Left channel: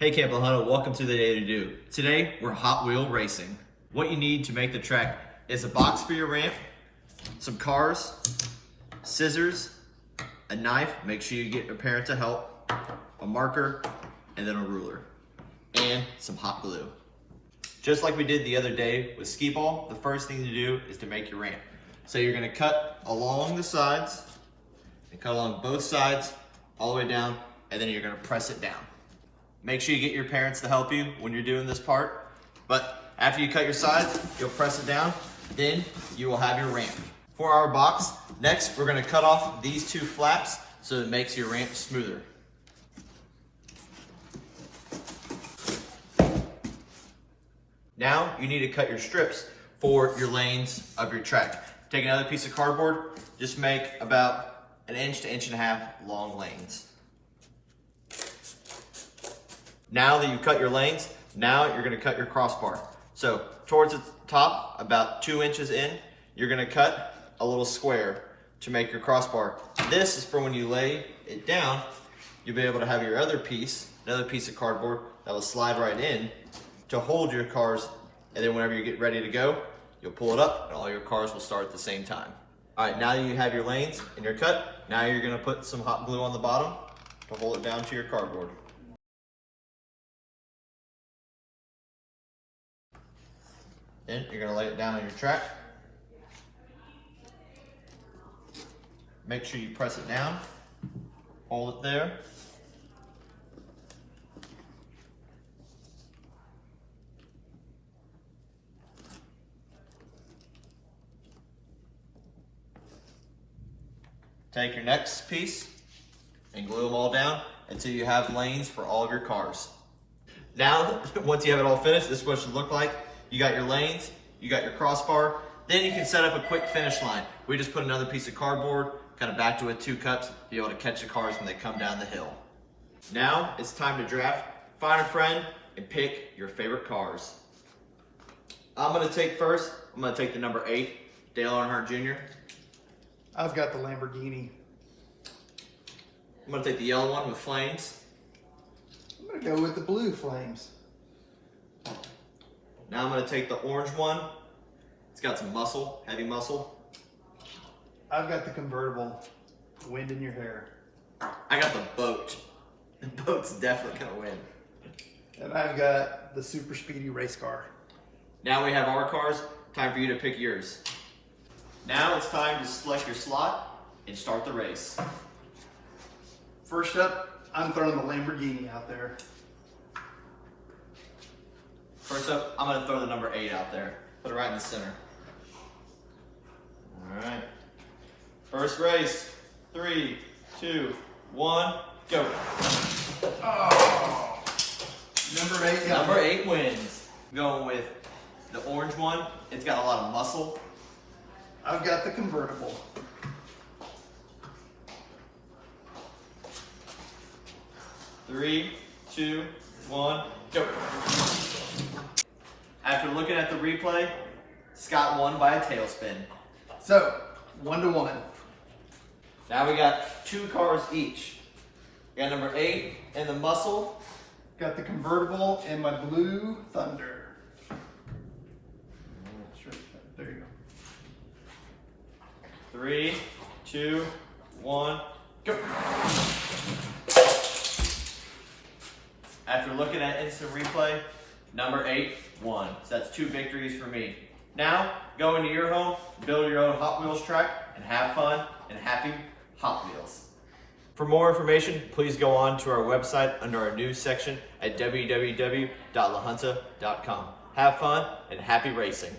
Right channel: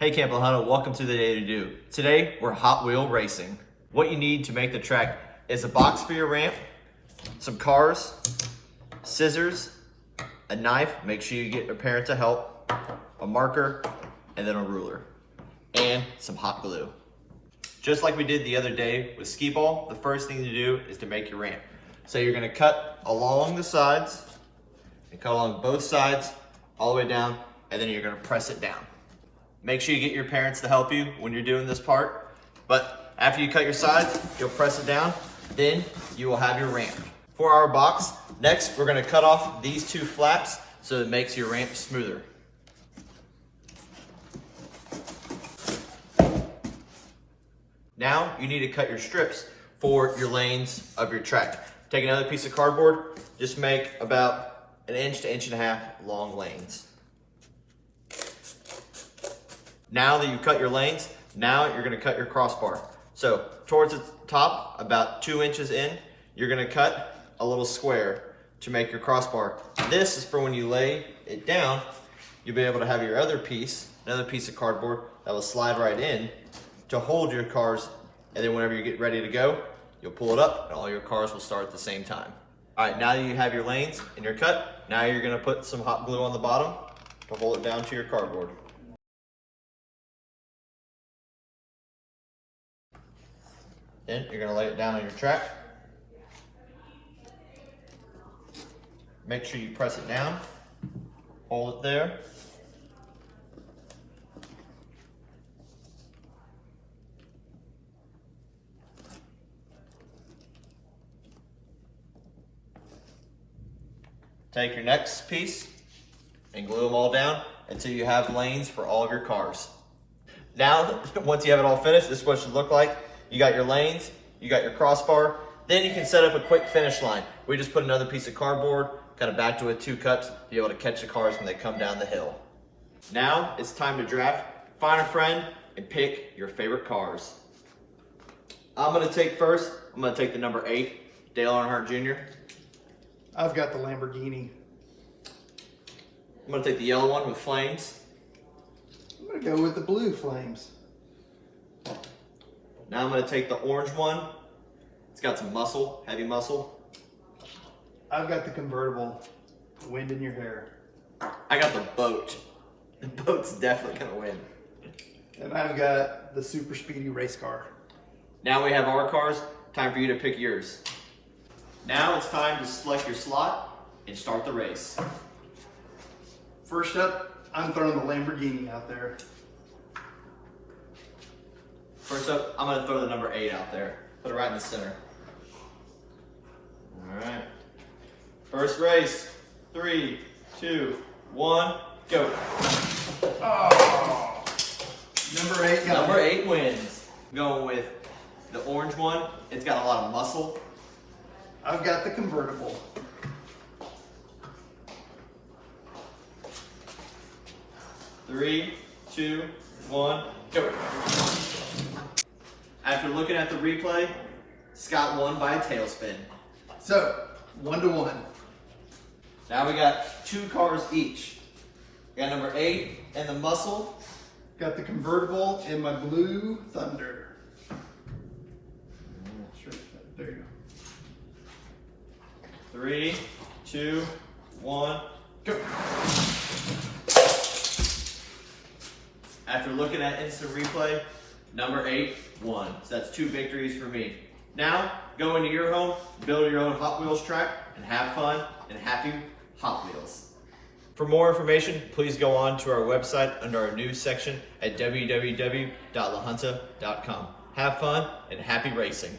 Hey Camp Hunter, welcome to the Day to Do. Today we're Hot Wheel racing. What you need to make the track is a box for your ramp, some cars, scissors, a knife, make sure you get a parent to help, a marker, and then a ruler, and some hot glue. Just like we did the other day with skee ball, the first thing to do is to make your ramp. So you're gonna cut along the sides, and cut along both sides, all the way down, and then you're gonna press it down. Make sure you get your parents to help you when you're doing this part, but after you cut your sides, you'll press it down, then you will have your ramp. For our box, next we're gonna cut off these two flaps so it makes your ramp smoother. Now you need to cut your strips for your lanes of your track. Take another piece of cardboard, just make about 1 inch to 1.5 inch long lanes. Now that you've cut your lanes, now you're gonna cut your crossbar. So towards the top, about 2 inches in, you're gonna cut a little square to make your crossbar. This is for when you lay it down, you'll be able to have your other piece, another piece of cardboard that will slide right in to hold your cars, and then whenever you get ready to go, you'll pull it up and all your cars will start at the same time. All right, now you have your lanes and your cut, now you're gonna put some hot glue on the bottom to hold it down to your cardboard. Then you're gonna lay it down on your track. Make sure you press it down, hold it there. Take your next piece and glue them all down until you have lanes for all of your cars. Now, once you have it all finished, this is what it should look like. You got your lanes, you got your crossbar, then you can set up a quick finish line. We just put another piece of cardboard, kind of backed it with 2 cuts, to be able to catch the cars when they come down the hill. Now it's time to draft, find a friend, and pick your favorite cars. I'm gonna take the number 8, Dale Earnhardt Jr. I've got the Lamborghini. I'm gonna take the yellow one with flames. I'm gonna go with the blue flames. Now I'm gonna take the orange one. It's got some muscle, heavy muscle. I've got the convertible, wind in your hair. I got the boat. The boat's definitely gonna win. And I've got the super speedy race car. Now we have our cars, time for you to pick yours. Now it's time to select your slot and start the race. First up, I'm throwing the Lamborghini out there. First up, I'm gonna throw the number 8 out there. Put it right in the center. All right. First race, 3, 2, 1, go. Oh, number 8 got Number it. 8 wins. Going with the orange one. It's got a lot of muscle. I've got the convertible. Three, 2, 1, go. After looking at the replay, Scott won by a tailspin. So, 1-1. Now we got 2 cars each. We got number 8 and the muscle. Got the convertible and my blue Thunder. Sure, there you go. 3, 2, 1, go. After looking at instant replay, number 8 won. So that's 2 victories for me. Now, go into your home, build your own Hot Wheels track, and have fun and happy Hot Wheels. For more information, please go on to our website under our news section at www.lahunta.com. Have fun and happy racing.